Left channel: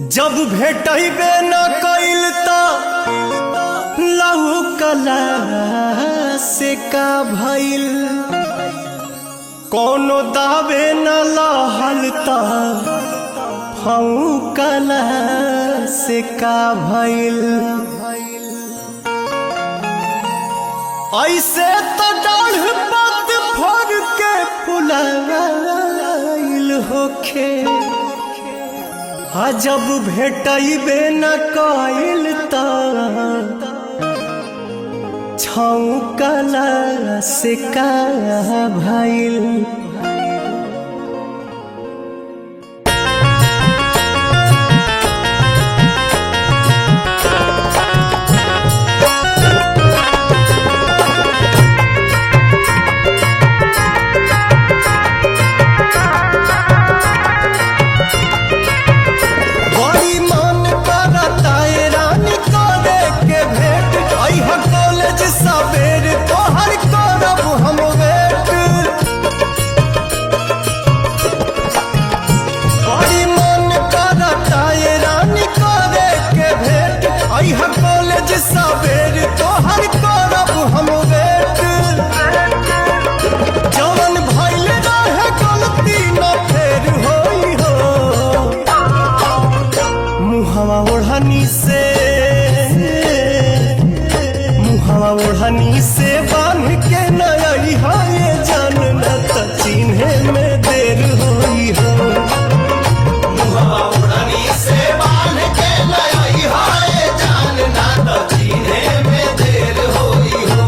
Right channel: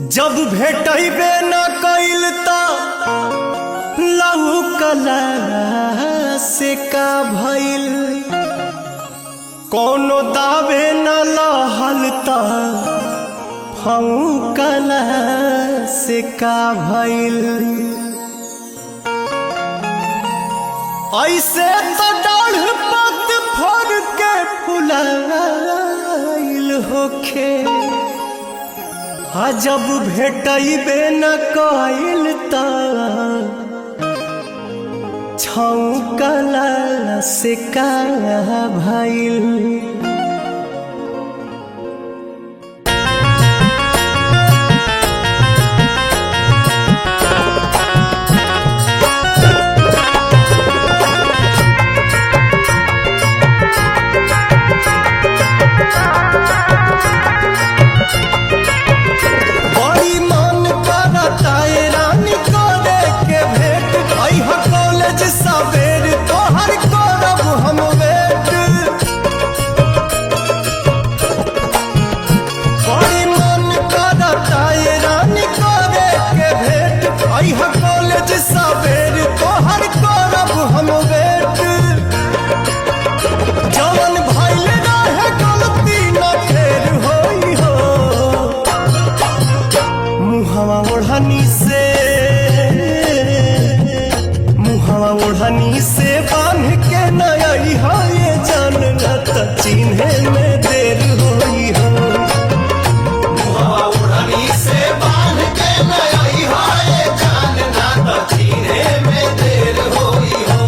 जब भेटबे न कइल त लहू कला से का भइल, कोनो दावे न लहल त फऊ कला से का भइल। ऐसे तो डाढ़ पत फर के फुलाइल होखे, जब भेटबे न कइल त छौकला से का भइल। कॉलेज सवेर तोहर करब हम वेट, बड़ी मन करता ये रानी करे के भेंट। अइहा कॉलेज सवेर तोहर करब हम वेट, जवन भइल रहे गलती न फेर होई हो। मुहवा ओढ़नी से ओढ़नी से बांध के न अइहा ये जान, न त चिन्हे में देर होई हो। मुहवा ओढ़नी से बांध के न अइहा ये जान, न त चिन्हे में देर होई हो।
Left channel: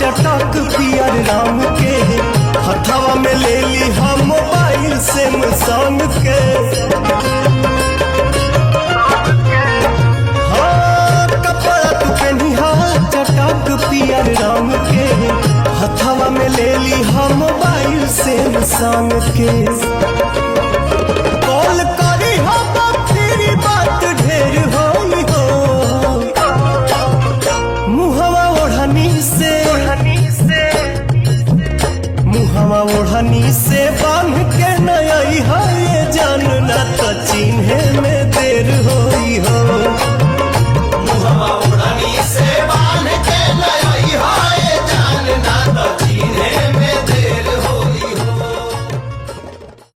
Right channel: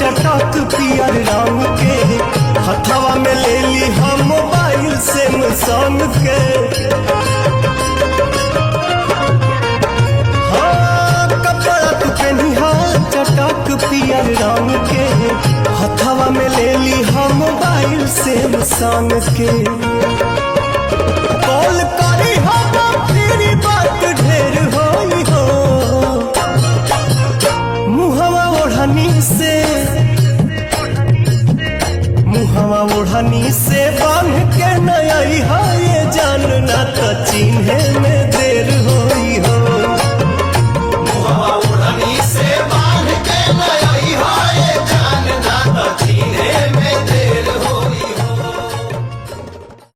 चटक पियर रंग के हथवा में ले ली हम मोबाइल सैमसंग के। हाँ कपड़ा तू पहनिहा चटक पियर रंग के, हथवा में ले ली हम मोबाइल सैमसंग के। कॉल करी हम फिर बात ढेर होई हो। मुहवा ओढ़नी से बांध के न अइहा ये जान, न त चिन्हे में देर होई हो।